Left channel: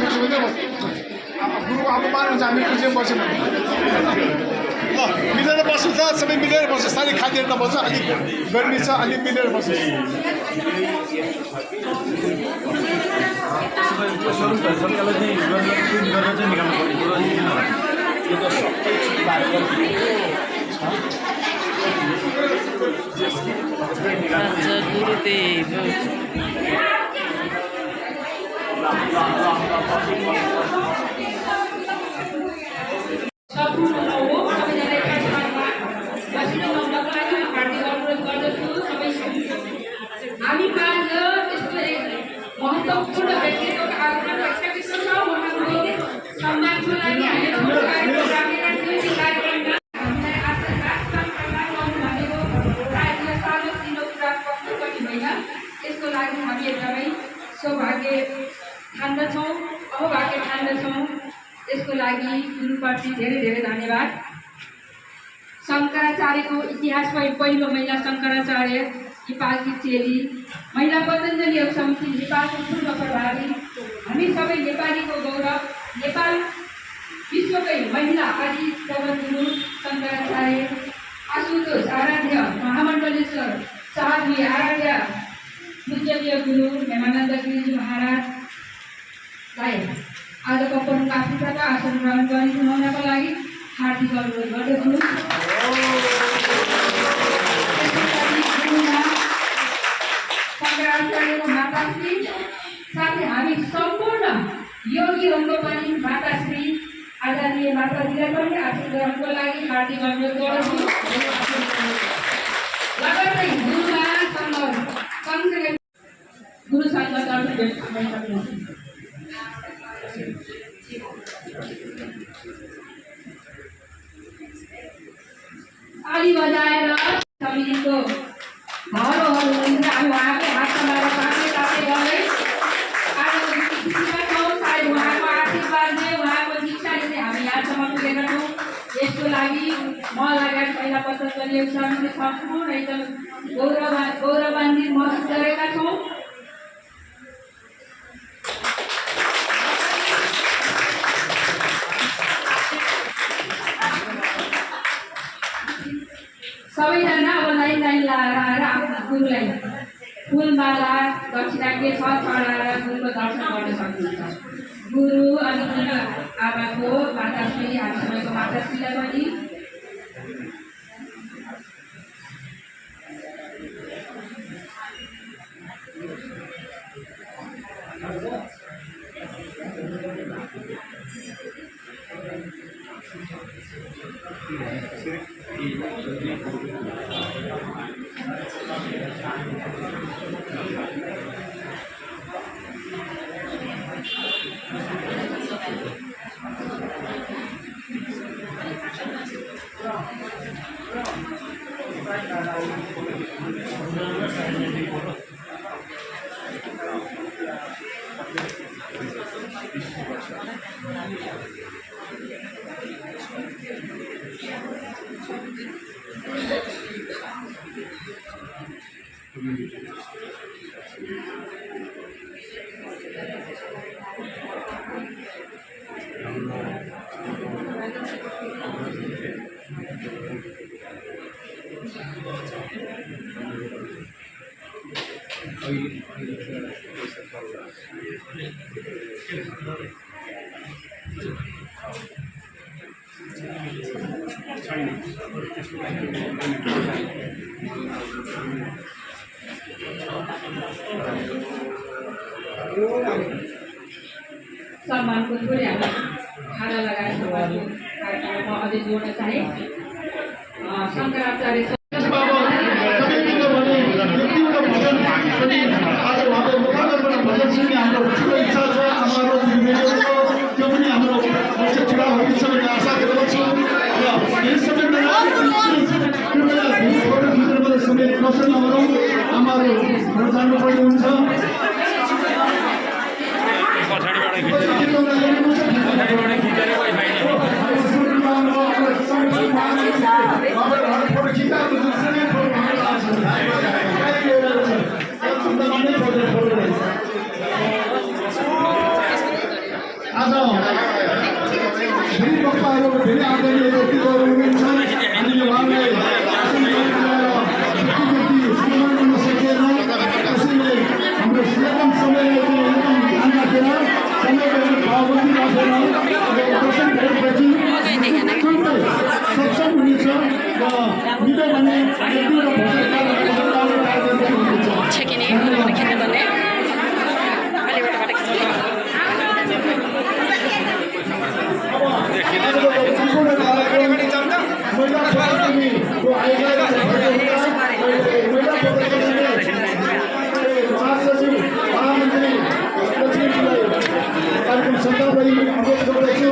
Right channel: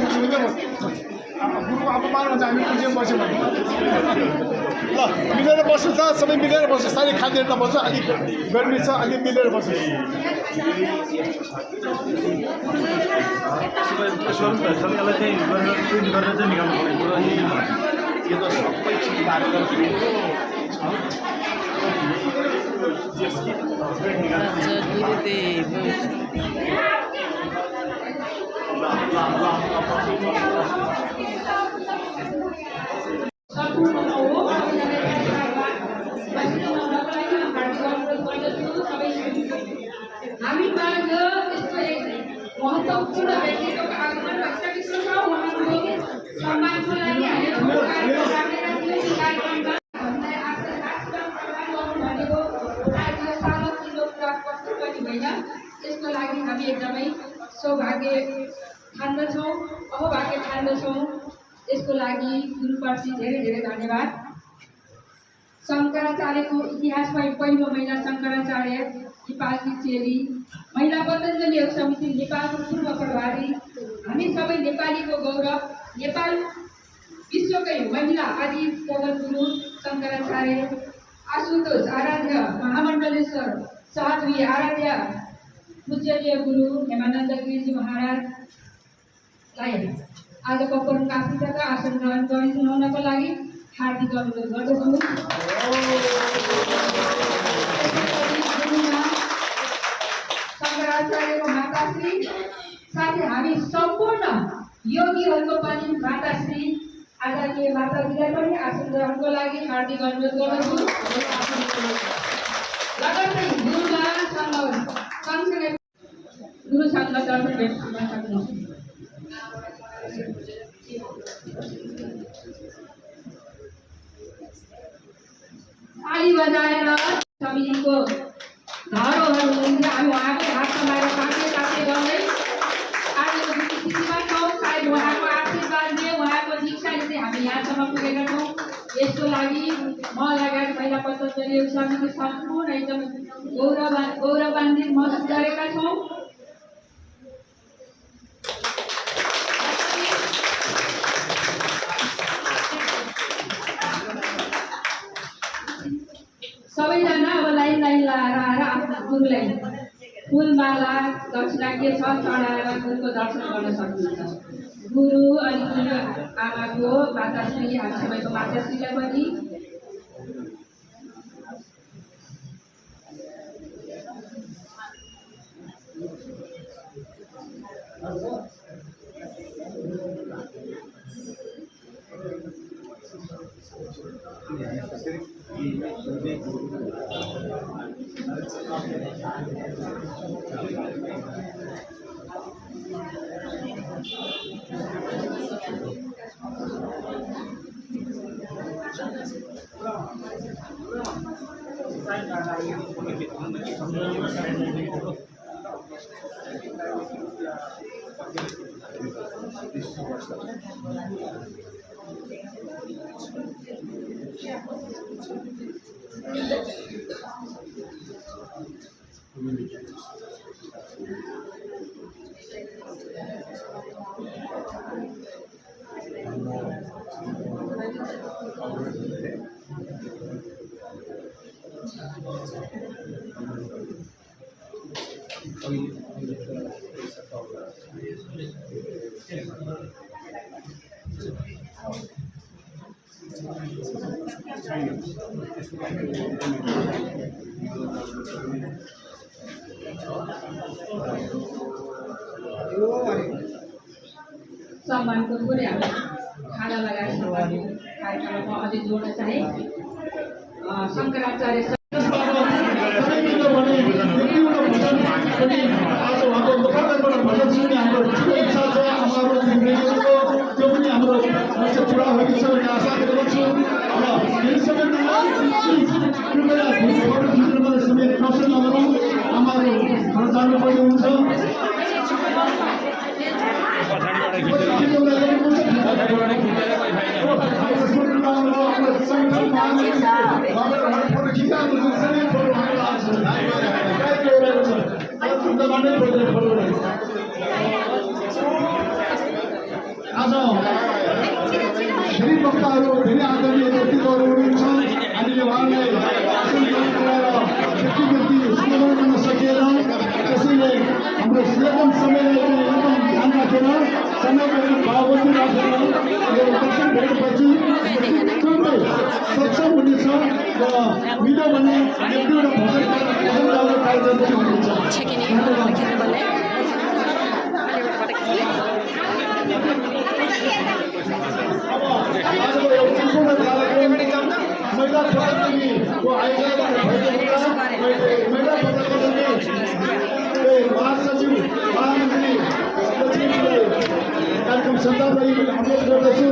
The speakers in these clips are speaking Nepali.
गुरुको अपमानमा चाहिँ हामी पछि बस्यौँ भने मिलेर बस्नु त सबै मिलेर बस्छ साह्रै खाँदैन बस्छ अलिक गर्मी छ अलिक मिलेर बस्छ गुरुदेव हामी आज यस्तो एक महत्त्वपूर्ण व्यक्तिको आगमन भइसकेको छ उहाँको सम्मानको लागि हामी ठुलो कार्यक्रम राखेका थियौँ यो कार्यक्रममा हामीलाई आशीर्वाद प्रदान गर्नुभएको राज्य सार्वजनिक कुरा कस्तो पनि होइन यसको लागि हामी एकदमै सौभाग्य ठान्दछौँ अहोभाग्य ठान्दछौँ यसको लागि गुरुप्रति धेरै धेरै धन्यवाद शङ्कराचार्यको इतिहासमा पहिलो महिला शङ्कराचार्य नेपालकी चेली महिला पतञ्जलि योग समिति नेपालको पूर्व प्रभारी हामी सबै नेपालीको गौरव नेपाल विश्वकै महिला आदि जगद्गुरु शङ्कराचार्य आशुतोष आराध्य महामण्डलेश्वर साध्वी आराध्य पूजनीय गुरु हेमानन्द गिरिजी महाराजलाई आजको प्रमुख अतिथिका आसन ग्रहण गरिदिनुको लागि हार्दिक अनुरोध गर्दछु शङ्कराचार्यको माताश्री साथै हामी सम्पूर्ण योगीहरूको पनि माताश्री आदरणीय माताजीलाई पनि आसन ग्रहणको लागि हार्दिक अनुरोध गर्दछु लगत्तै गुरुमा सँगसँगै गुरुसँग दर्शन भेट सक्नुहुन्छ ताली बजाएर समितिको धरोहर हुनुहुन्छ हामी उहाँको हात समाएर ताते ताते गर्दै आजको खुसीमा छौँ सायद उहाँको आशीर्वादले उहाँको दीक्षाले चाहिँ हामी यहाँसम्म पुगेका छौँ यसको लागि म लगायत महिला पतञ्जलि योग समिति सम्पूर्ण एकदम गौरवान्वित महसुस गरेका छौँ सबैजना अब लाइन लगाएर आफ्नो गुरुलाई फुलमाला दक्षिणा के छ चढाएर गुरुको दर्शन गर्न सक्नुहुन्छ गुरु अनि गुरु आमाको माताश्री हामीसँगको माताश्रीलाई पनि सम्मानको थोरै हामी खाना लगाएर कार्यक्रममा अझै जोड्न चाहे शङ्कराचार्य मिल्यो भने एक दुईवटा भोजन गाउने कार्यक्रम पनि हुनेछ। सम्पूर्ण कार्यक्रम महिला प्रदर्शनीको आयोजना भएको हुँदा महिला प्रदर्शनीले महासचिव महामन्त्री लक्ष्मीजीलाई कार्यक्रम सञ्चालन अनुरोध गर्दछु।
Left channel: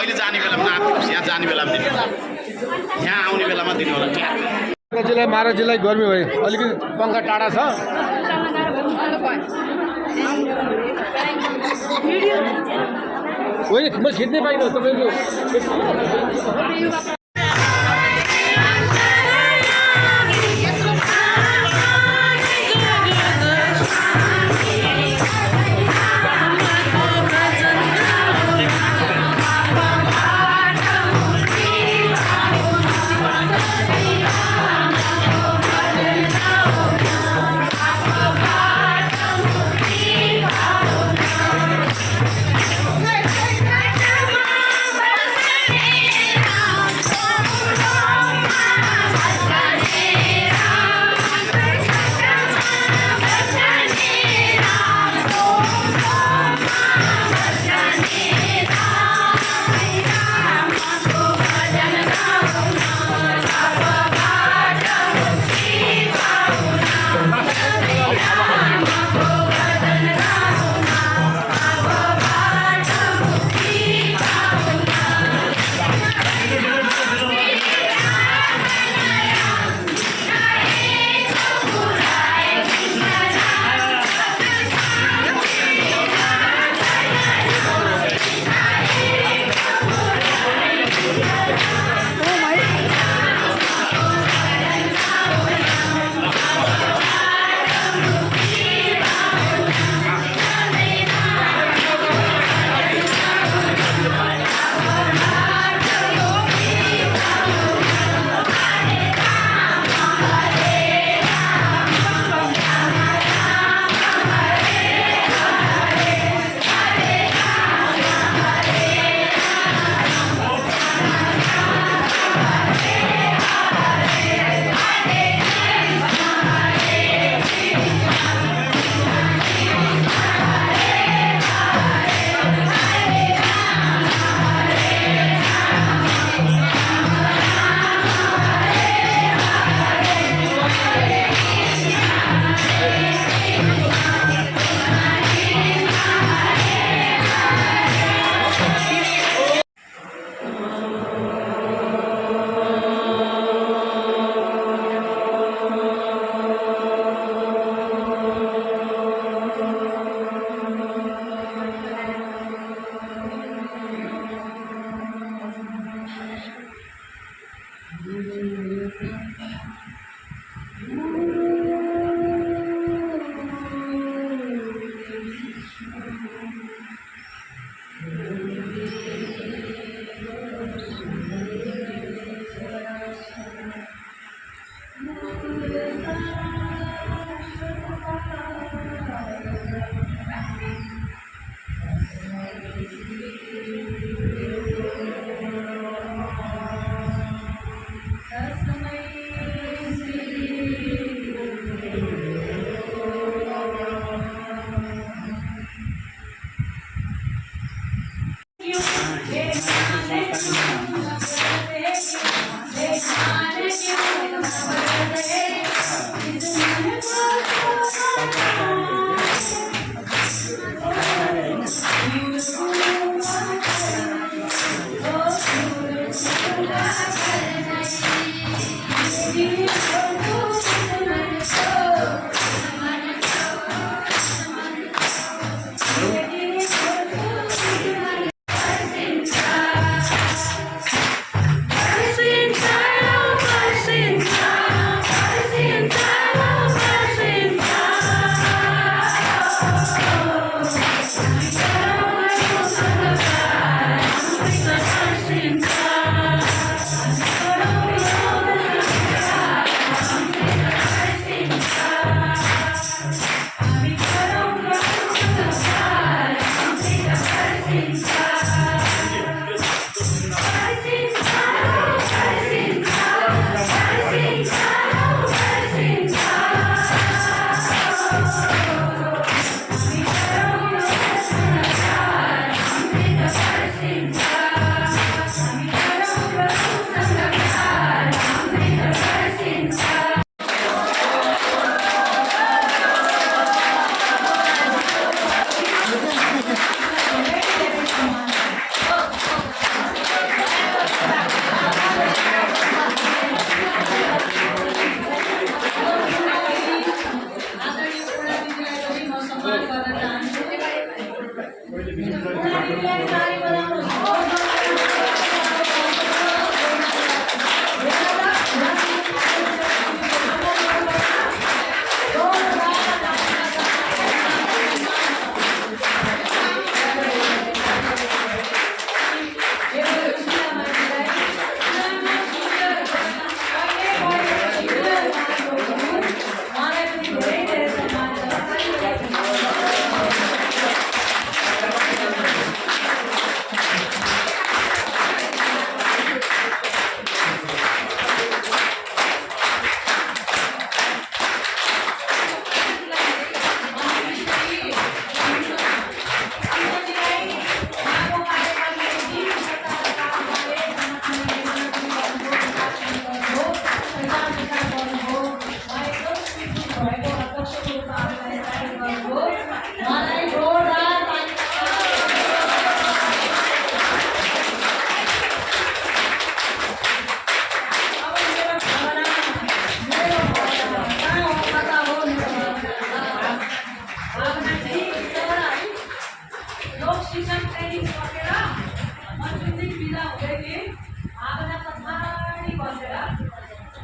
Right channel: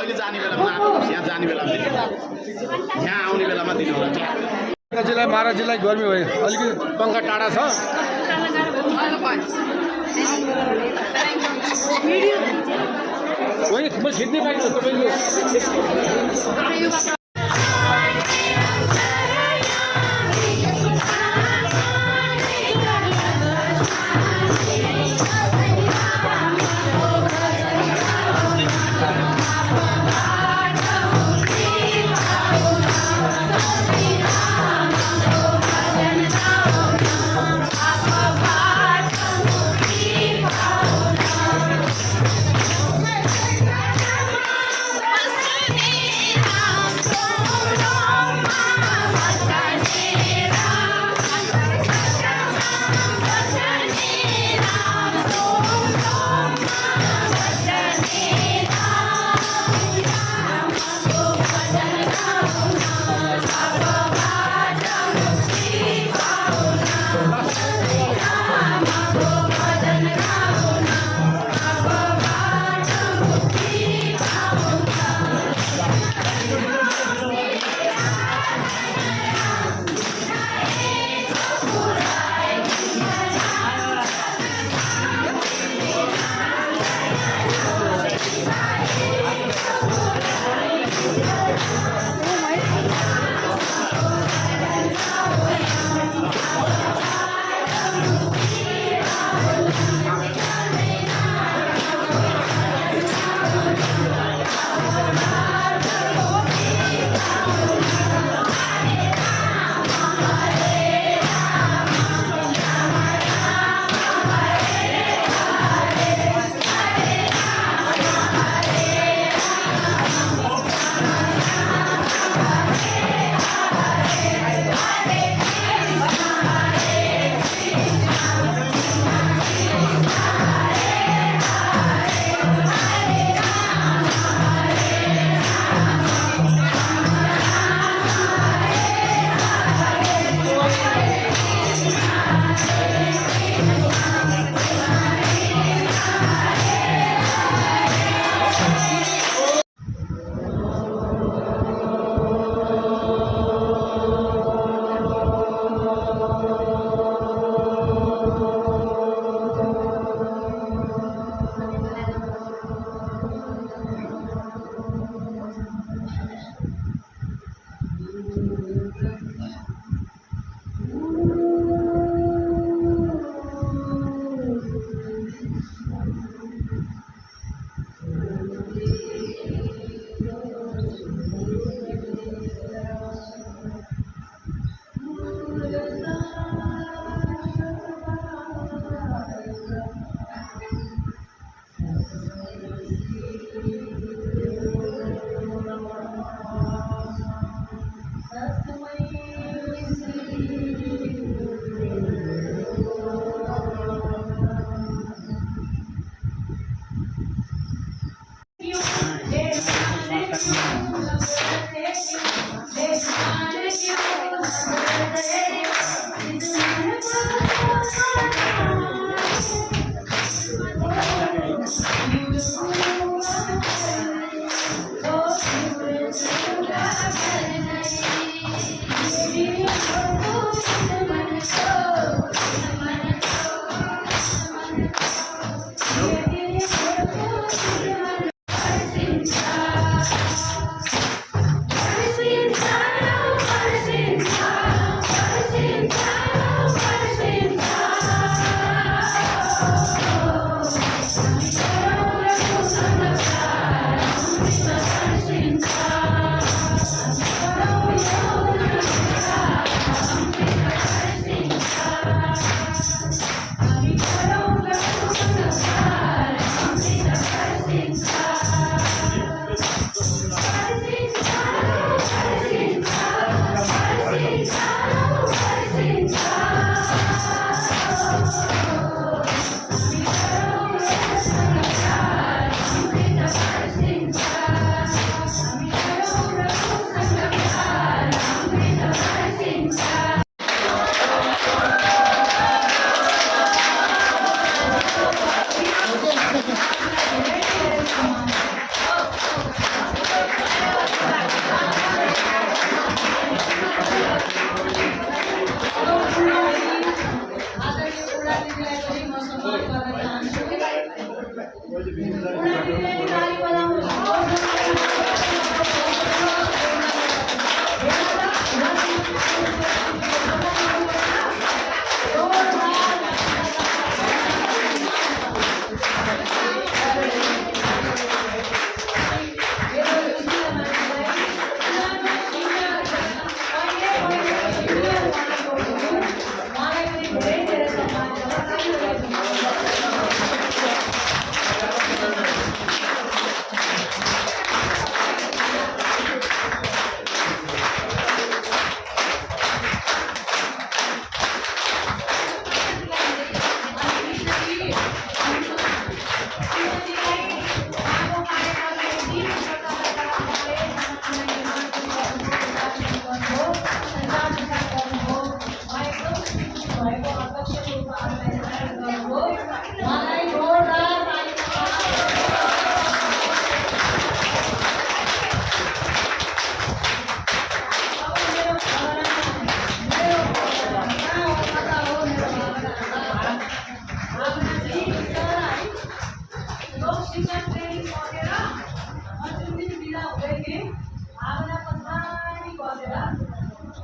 अहिले जाने बेलामा यहाँ जाने बेलामा यहाँ आउने बेलामा दिनु होला। जिल्ला महाराज जिल्ला गर्मी भयो अलिकति पङ्खा टाढा छ होइन म खिच्नै पाइनँ तपाईँको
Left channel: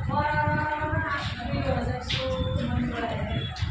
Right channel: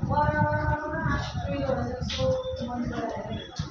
बराबरमा 2,000 जस्तो मन परायो